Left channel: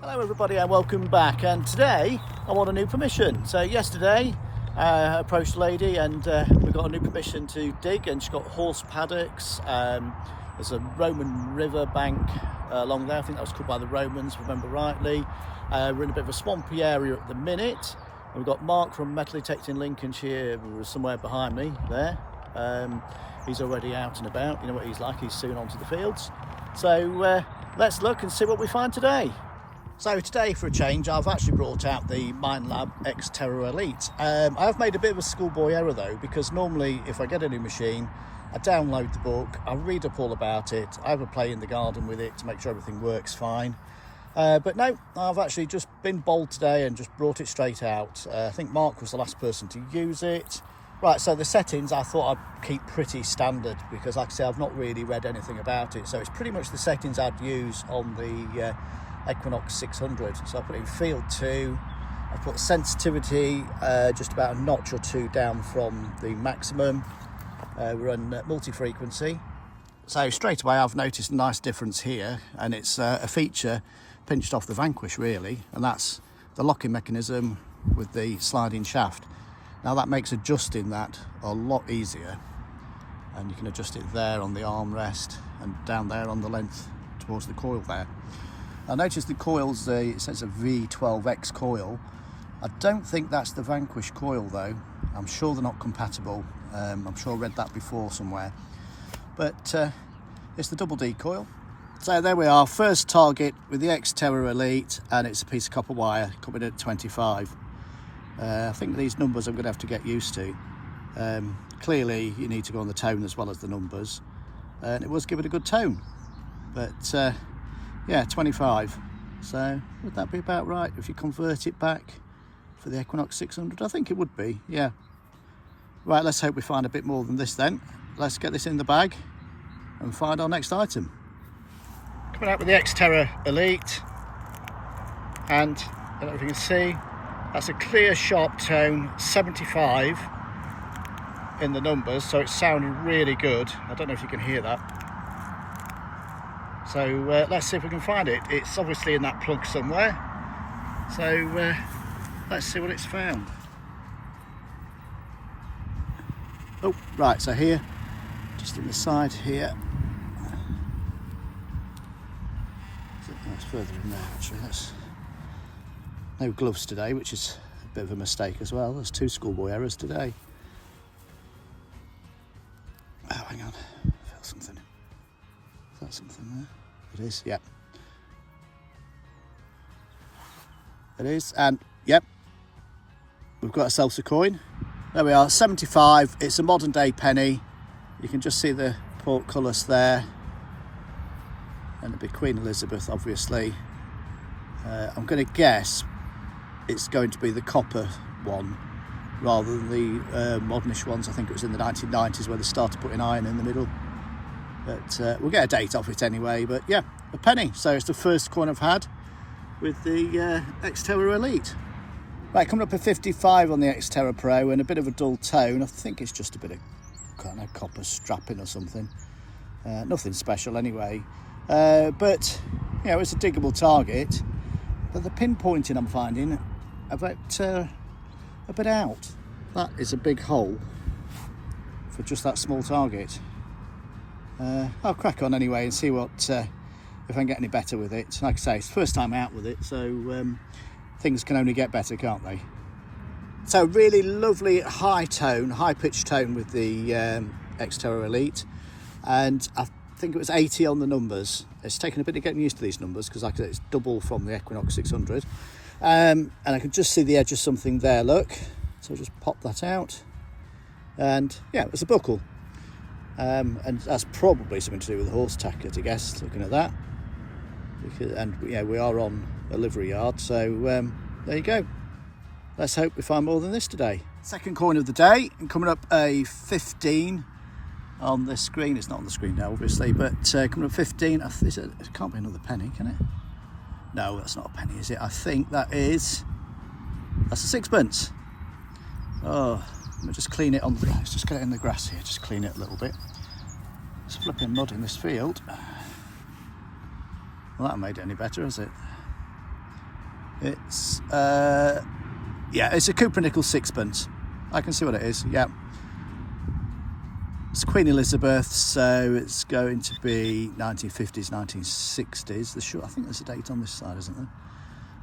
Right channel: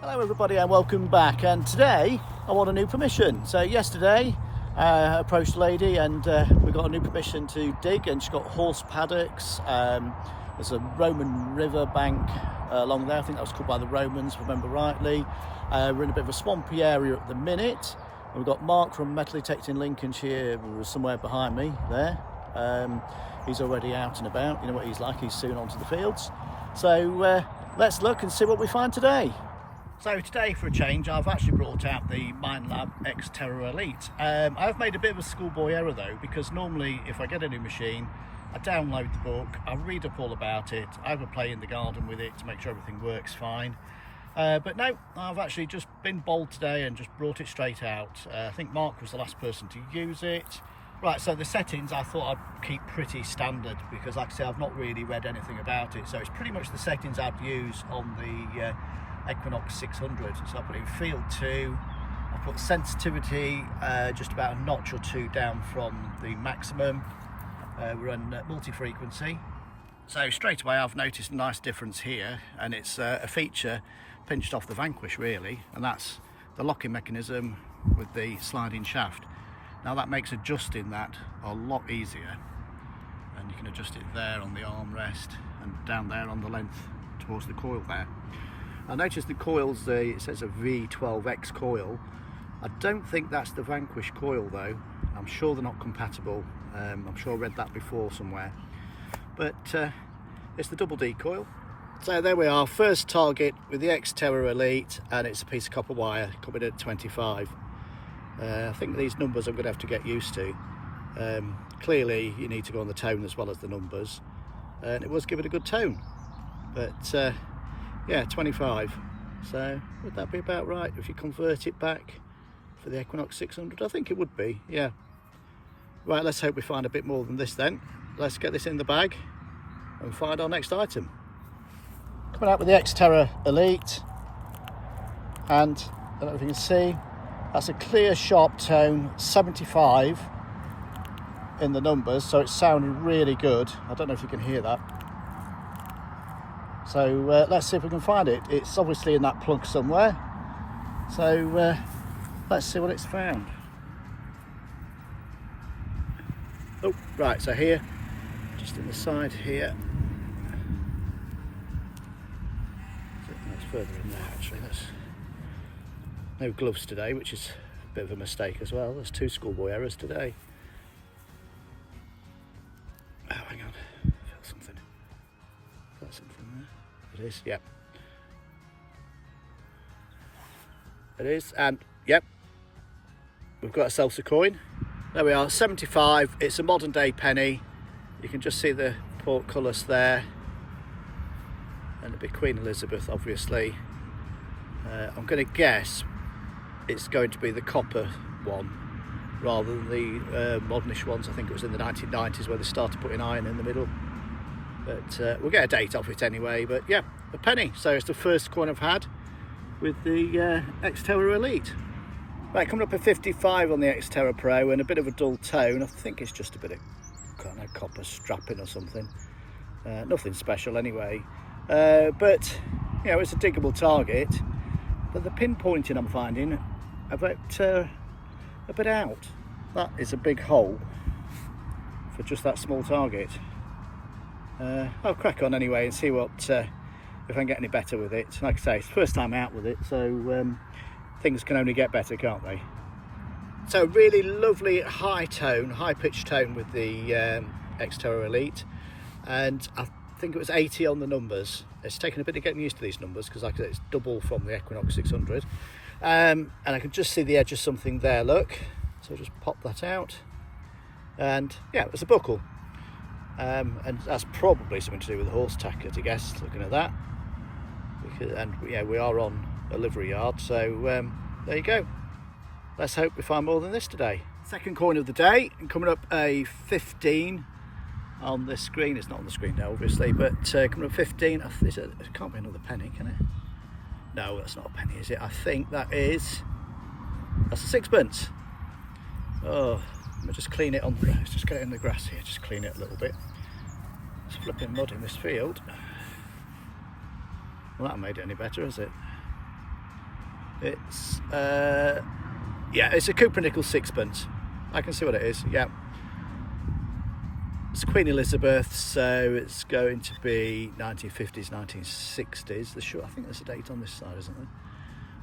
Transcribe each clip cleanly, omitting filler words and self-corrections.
Hello everybody and welcome back, and today I want a new permission. So yesterday I approached a lady and we got a new permission to dig, and she's got horse paddocks. There's a Roman river bank along there. I think that was called by the Romans, if I remember rightly. We're in a bit of a swampy area at the minute. And we've got Mark from Metal Detecting Lincolnshire somewhere behind me there. He's already out and about. You know what he's like, he's soon onto the fields. So let's look and see what we find today. So today, for a change, I've actually brought out the Minelab X-Terra Elite. I have made a bit of a schoolboy error though, because normally if I get a new machine, I download the book, I read up all about it, I have a play in the garden with it to make sure everything works fine. But no, I've actually just been bold today and just brought it straight out. I think Mark was the last person to use it. Right, so the settings I thought I'd keep pretty standard, because like I say, I've not really read anything about it. So it's pretty much the settings I'd use on the Equinox 600. So I put it in field 2, I put sensitivity just about a notch or two down from the maximum. We're on multi-frequency. So straight away I've noticed a nice difference here, and it's a feature pinched off the Vanquish really, and that's the locking mechanism with the sliding shaft. Now that makes adjusting that a lot easier, and you can adjust it there on the armrest and down there on the length towards the coil there. I noticed the coils, it says a V12X coil. I don't think that's the Vanquish coil though. I'm sure they're not compatible. I'm sure I read that before somewhere. But it's the double D coil. So there we are, first target with the X-Terra Elite, and it's a piece of copper wire coming at 25. I think these numbers I'm going to have to get used to. Clearly you need to go on the tone as well as the numbers, and it was given a good tone. But yeah, 25. So would that be about right if you convert it back for the Equinox 600? I think it would be, yeah. Right, let's hope we find a bit more than this then. Let's get this in the bag and find our next item. Coming out with the X-Terra Elite, and I don't know if you can see, that's a clear sharp tone, 75 in the numbers, so it's sounding really good. I don't know if you can hear that. So let's see if we can find it. It's obviously in that plug somewhere. So let's see what it's found. Oh, right, so here, just in the side here. That's further in there actually. That's no gloves today, which is a bit of a mistake as well. There's 2 schoolboy errors today. Oh, hang on, I feel something. Is that something there? It is, yep. It is, and yep, we've got ourselves a coin. There we are, 75. It's a modern day penny. You can just see the portcullis there, and it'd be Queen Elizabeth, obviously. I'm going to guess it's going to be the copper one rather than the modernish ones. I think it was in the 1990s where they started putting iron in the middle. But we'll get a date off it anyway. But yeah, a penny. So it's the first coin I've had with the X-Terra Elite. Right, coming up at 55 on the X-Terra Pro, and a bit of a dull tone. I think it's just a bit of, I don't know, copper strapping or something. Nothing special anyway. But you know, it's a diggable target. But the pinpointing I'm finding a bit out. That is a big hole for just that small target. I'll crack on anyway and see what if I can get any better with it. Like I say, it's the first time out with it, so things can only get better, can't they? So really lovely high tone, high pitched tone with the X-Terra Elite, and I think it was 80 on the numbers. It's taken a bit of getting used to these numbers because like I said, it's double from the Equinox 600, and I can just see the edge of something there, look. So just pop that out, and yeah, it was a buckle. And that's probably something to do with the horse tacker, I guess, looking at that. And yeah, we are on a livery yard, so there you go. Let's hope we find more than this today. Second coin of the day, and coming up a 15 on the screen. It's not on the screen now, obviously, but coming up 15. It can't be another penny, can it? No, that's not a penny, is it? I think that's a sixpence. Oh, let me just clean it on. Let's just get it in the grass here. Just clean it a little bit. It's flipping mud in this field. Well, that made it any better, has it? It's yeah, it's a Cooper nickel sixpence. I can see what it is. Yeah, it's Queen Elizabeth, so it's going to be 1950s, 1960s. Sure, I think there's a date on this side, isn't there?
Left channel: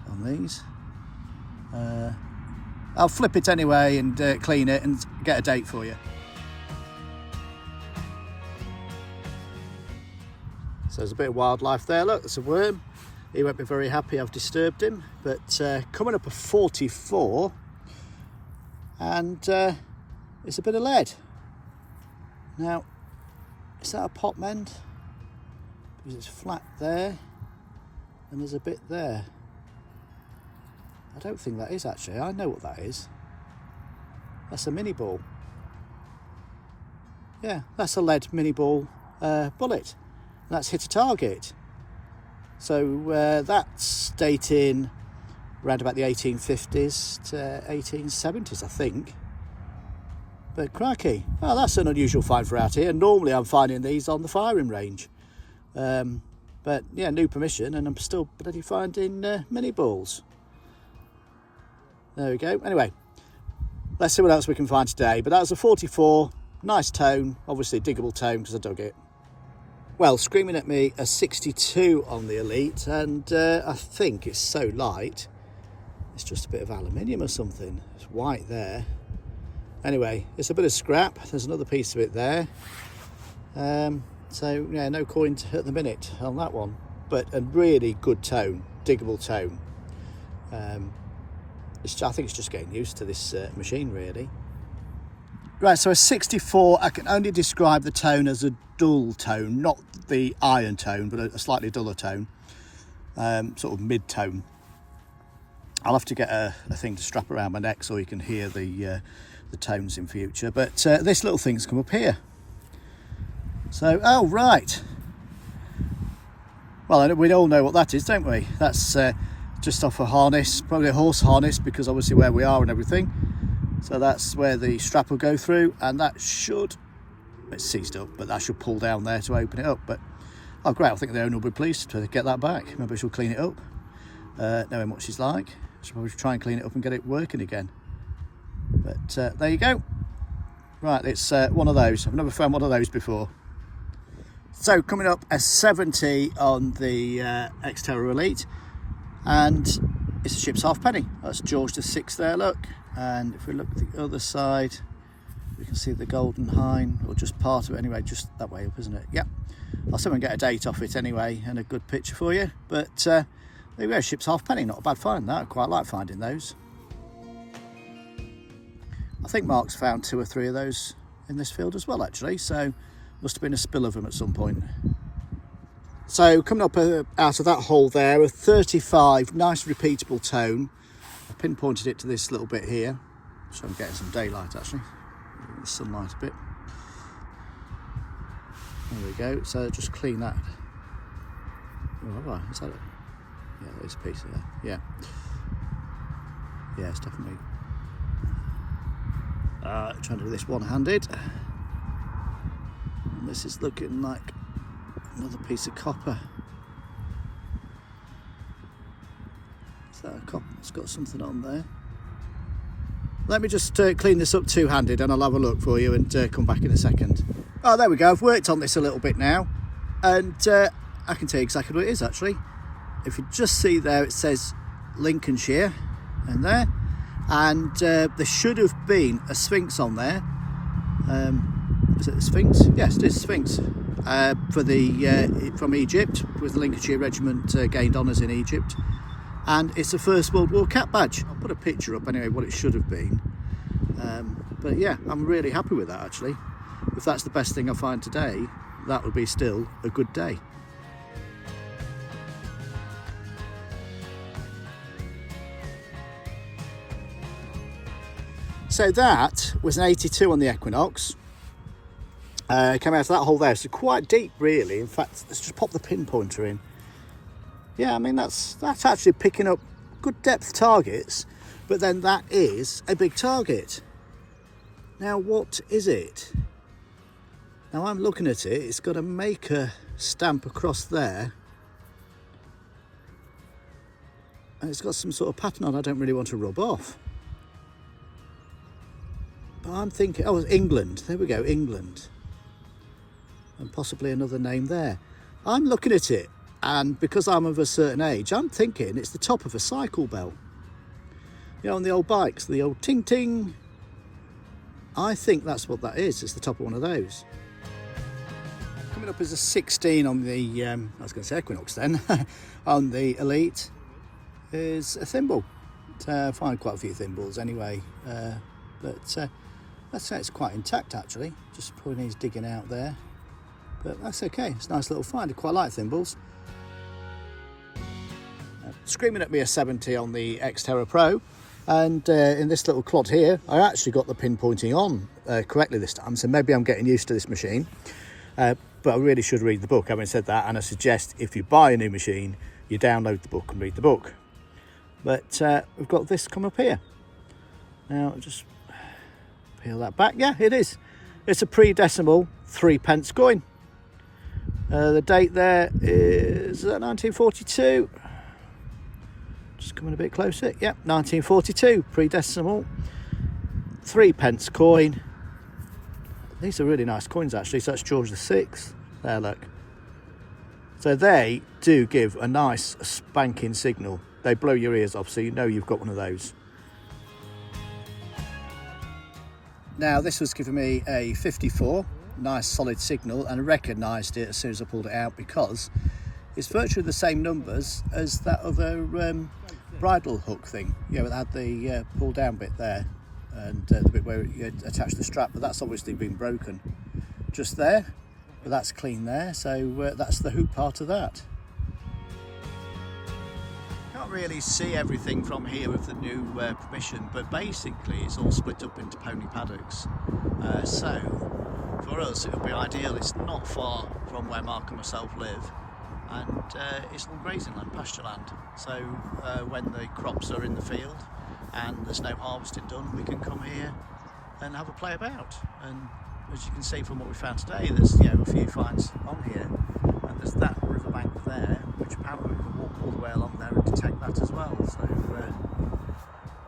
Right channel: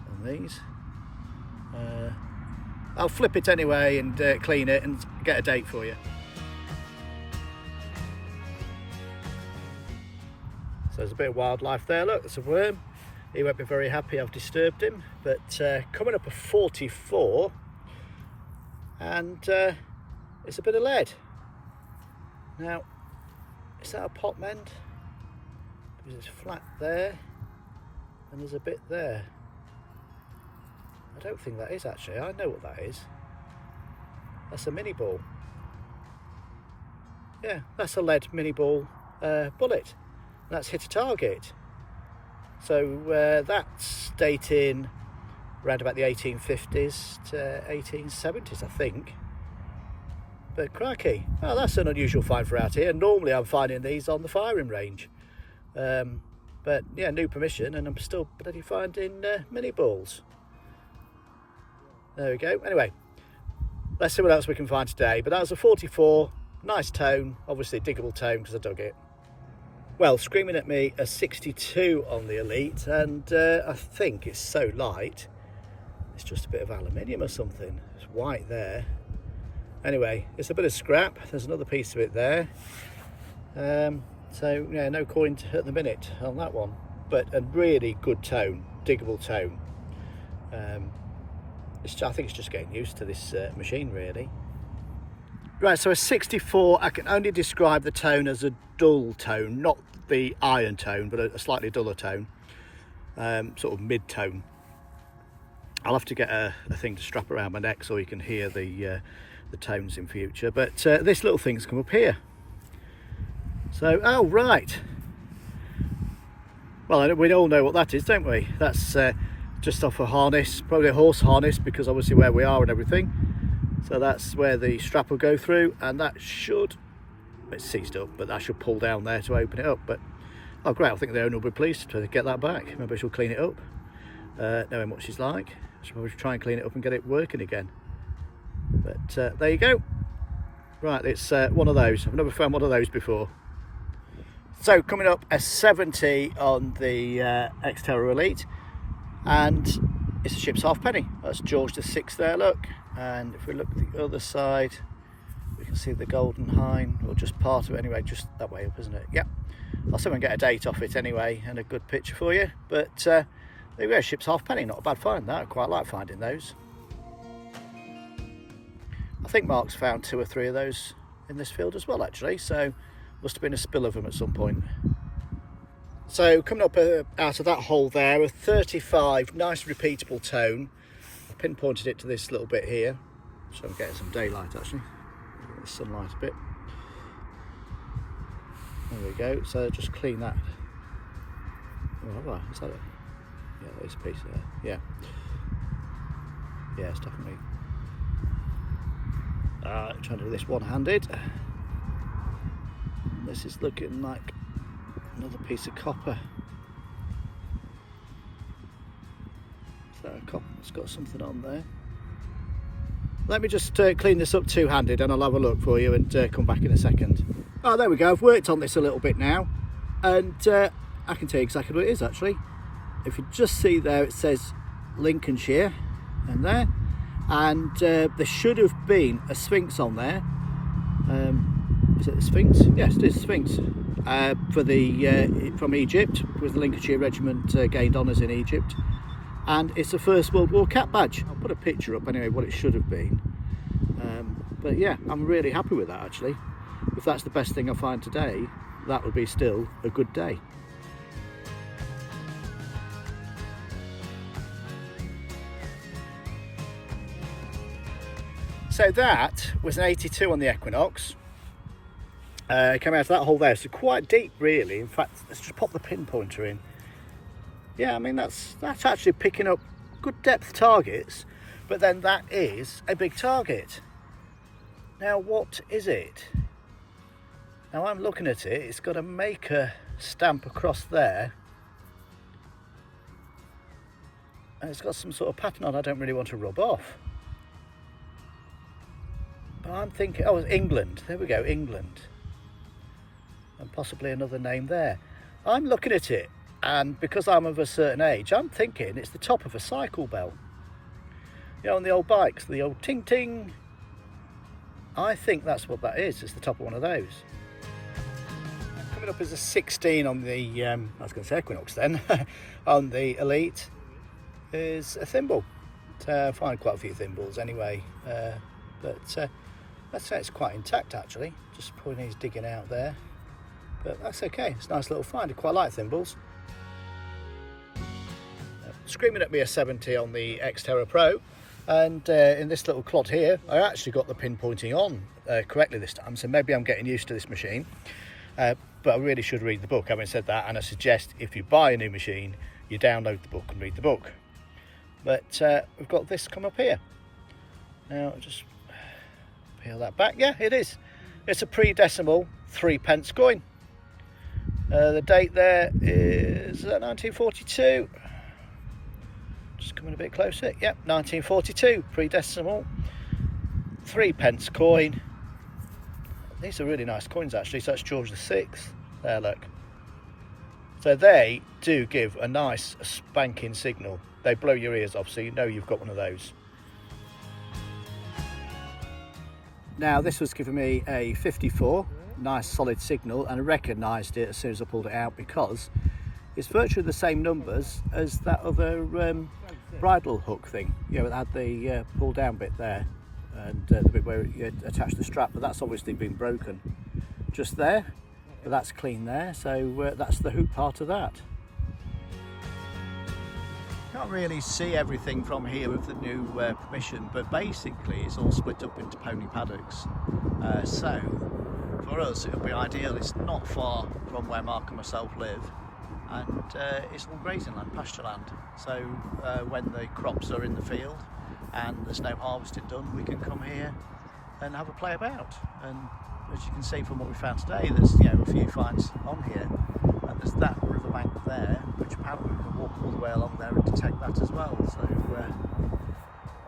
On these, I'll flip it anyway and clean it and get a date for you. So there's a bit of wildlife there. Look, there's a worm. He won't be very happy I've disturbed him, but coming up a 44, and it's a bit of lead. Now, is that a pot mend? Because it's flat there, and there's a bit there. I don't think that is actually. I know what that is. That's a mini ball. Yeah, that's a lead mini ball bullet. That's hit a target. So that's dating around about the 1850s to 1870s, I think. But crikey, oh, that's an unusual find for out here. Normally I'm finding these on the firing range. But yeah, new permission, and I'm still bloody finding mini balls. There we go. Anyway, let's see what else we can find today. But that was a 44, nice tone, obviously diggable tone because I dug it. Well, screaming at me a 62 on the Elite, and I think it's so light, it's just a bit of aluminium or something. It's white there. Anyway, it's a bit of scrap. There's another piece of it there. So yeah, no coin at the minute on that one, but a really good tone, diggable tone. I think it's just getting used to this machine, really. Right, so a 64, I can only describe the tone as a dull tone, not the iron tone, but a slightly duller tone, sort of mid-tone. I'll have to get a thing to strap around my neck so you can hear the tones in future. But this little thing's come up here. So, oh right. Well, we all know what that is, don't we? That's just off a harness, probably a horse harness, because obviously where we are and everything. So that's where the strap will go through, and that should, it's seized up, but that should pull down there to open it up. But oh great, I think the owner will be pleased to get that back. Maybe she'll clean it up, knowing what she's like. She'll probably try and clean it up and get it working again. But there you go. Right, it's one of those. I've never found one of those before. So coming up a 70 on the X-Terra Elite, and it's a ship's halfpenny. That's George VI there, look. And if we look at the other side, we can see the Golden Hind, or just part of it anyway, just that way up, isn't it? Yeah. I'll see if I can get a date off it anyway and a good picture for you. But there you go, ship's halfpenny, not a bad find that. I quite like finding those. I think Mark's found 2 or 3 of those in this field as well, actually, so must have been a spill of them at some point. So coming up out of that hole there, a 35, nice repeatable tone. I pinpointed it to this little bit here, so I'm getting some daylight actually, the sunlight a bit. There we go, so just clean that. Oh, right, is that it? Yeah, there's a piece there, yeah. Yeah, it's definitely... trying to do this one-handed. This is looking like another piece of copper. Is that a copper? It's got something on there. Let me just clean this up two-handed and I'll have a look for you and come back in a second. Oh, there we go. I've worked on this a little bit now, and I can tell you exactly what it is actually. If you just see there, it says Lincolnshire and there, and there should have been a Sphinx on there. Is it the Sphinx? Yes, it is Sphinx. For the from Egypt, with the Lincolnshire Regiment gained honours in Egypt, and it's a First World War cap badge. I'll put a picture up anyway, what it should have been. But yeah, I'm really happy with that actually. If that's the best thing I find today, that would be still a good day. So that was an 82 on the Equinox. Came out of that hole there, so quite deep really. In fact, let's just pop the pinpointer in. Yeah, I mean that's actually picking up good depth targets, but then that is a big target. Now what is it? Now I'm looking at it, it's got a maker stamp across there. and it's got some sort of pattern on I don't really want to rub off. But I'm thinking, oh, it's England. There we go, England. And possibly another name there. I'm looking at it, and because I'm of a certain age, I'm thinking it's the top of a cycle belt. You know, on the old bikes, the old ting ting. I think that's what that is. It's the top of one of those. Coming up as a 16 on the, I was going to say Equinox then, on the Elite is a thimble. I find quite a few thimbles anyway, but let's say it's quite intact actually. Just pulling these digging out there, but that's okay. It's a nice little find. I quite like thimbles. Screaming at me a 70 on the X-Terra Pro, and in this little clod here, I actually got the pinpointing on correctly this time, so maybe I'm getting used to this machine. But I really should read the book, having said that, and I suggest if you buy a new machine, you download the book and read the book. But we've got this come up here. Now, I'll just peel that back. Yeah, it is. It's a pre-decimal 3p coin. The date there is 1942. Just coming a bit closer. Yep, 1942, pre-decimal, 3p coin. These are really nice coins actually. So that's George VI. There, look. So they do give a nice spanking signal. They blow your ears off, so you know you've got one of those. Now this was giving me a 54, nice solid signal, and I recognised it as soon as I pulled it out because it's virtually the same numbers as that other bridle hook thing. You know, it had the pull down bit there and the bit where you attach the strap, but that's obviously been broken just there, but that's clean there, so that's the hoop part of that. Can't really see everything from here with the new permission, but basically it's all split up into pony paddocks, so for us it'll be ideal. It's not far from where Mark and myself live, and it's all grazing land, pasture land, so when the crops are in the field and there's no harvesting done, we can come here and have a play about. And as you can see from what we found today, there's, you know, a few finds on here, and there's that riverbank there, which apparently we can walk all the way along there and detect that as well. So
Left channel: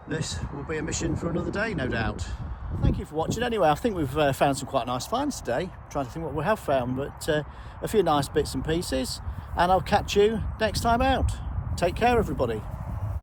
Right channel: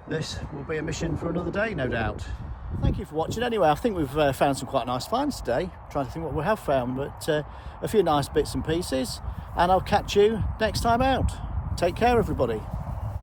this will be a mission for another day, no doubt. Thank you for watching. Anyway, I think we've found some quite nice finds today. I'm trying to think what we have found, but a few nice bits and pieces, and I'll catch you next time out. Take care, everybody.